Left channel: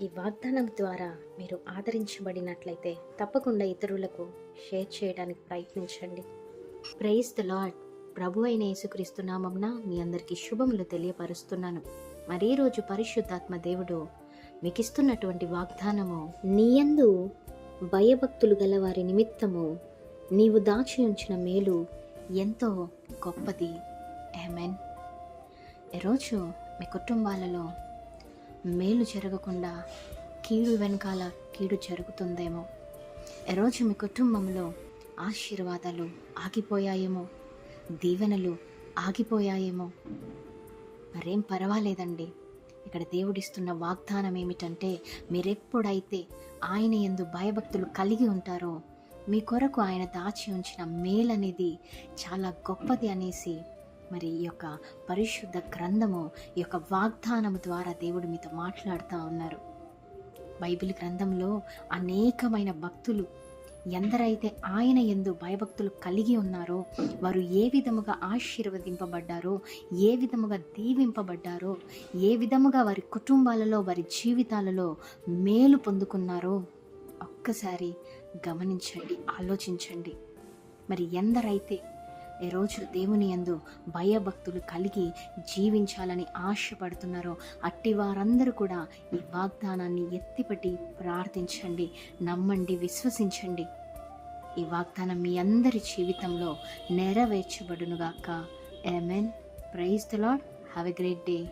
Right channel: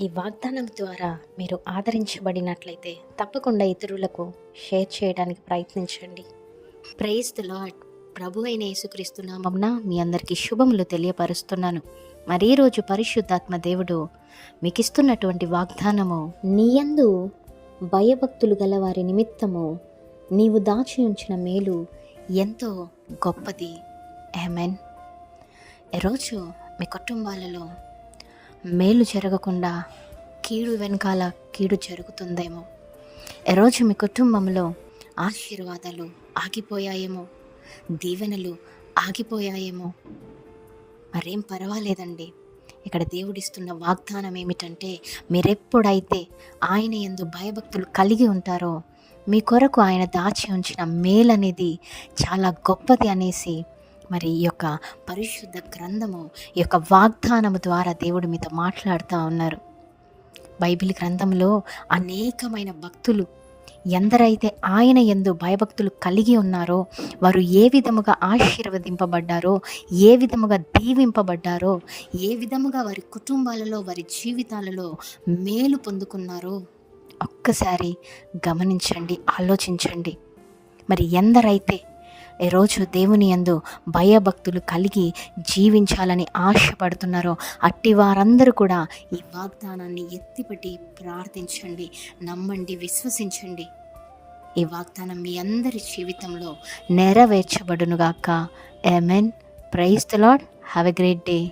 ఈ వాగ్దానం ద్వారా మీరు ఆదరించబడినట్లయితే తప్పకుండా ఇతరులకు షేర్ చేయడానికి ప్రయత్నించండి. Praise the lord. ప్రభు అయిన యేసుక్రీస్తు నామమున మీ అందరికీ శుభములు తెలియపరుస్తున్నాను. మరి ఈరోజు పరిశుద్ధాత్మ దేవుడు మీకు ఇస్తున్నటువంటి వాగ్దానము, నీయందు భయభక్తులు గల వారి నిమిత్తము నీవు దాచి ఉంచిన మేలు ఎంతో గొప్పది. ఆమేన్. ఈరోజు మీ కుటుంబాలలో మేలు జరగకుండా కీడు వెనకాల కీడు జరుగుతుందేమో. ఈరోజు మీ కుటుంబంలో ఆశీర్వాదాలు ఆగిపోయాయేమో, దీవెనలు ఆగిపోయాయేమో. మరేం పర్వాలేదండి. ఇక్కడ దేవుడిస్తున్న వాగ్దానం ఏమిటంటే, మీరెప్పుడైతే ఆయన యందు భయభక్తులు కలిగి ఉంటారో మీ కొరకు ఆయన దాచి ఉంచిన మేలనేది చాలా గొప్పది అనేసి మరి ఈ యొక్క పరిశుద్ధ గ్రంథము, ఈ యొక్క వాగ్దానము ద్వారా దేవుడు మీతో మాట్లాడుతూ ఉన్నారు. బైబిల్ గ్రంథంలో అనేకమైన భక్తులు ఎందరైతే ఆయన యందు భయభక్తులు కలిగి ఉన్నారో వారు ఏ విధముగా ఆశీర్వదింపబడ్డారో, ఏ విధముగా దీవింపబడ్డారో, ఏ విధముగా వారి కుటుంబాలలో వారి జీవితాలలో మేలు పొందుకున్నారో ఒక్కసారి గమనించండి, ఆలోచించండి. మరి ఎందరైతే ఈరోజు దేవుని యందు భయభక్తులు కలిగి జీవించాలని ఆశపడుతున్నారో అట్టి వారందరూ కూడా ఈ వాగ్దానాన్ని ఎత్తిపట్టి ప్రార్థించండి, నమ్మండి, విశ్వసించండి. ఈ వాగ్దానం మీ అందరి జీవితంలో నెరవేర్చబడునుగాక. Amen. Praise the lord. Have a great day.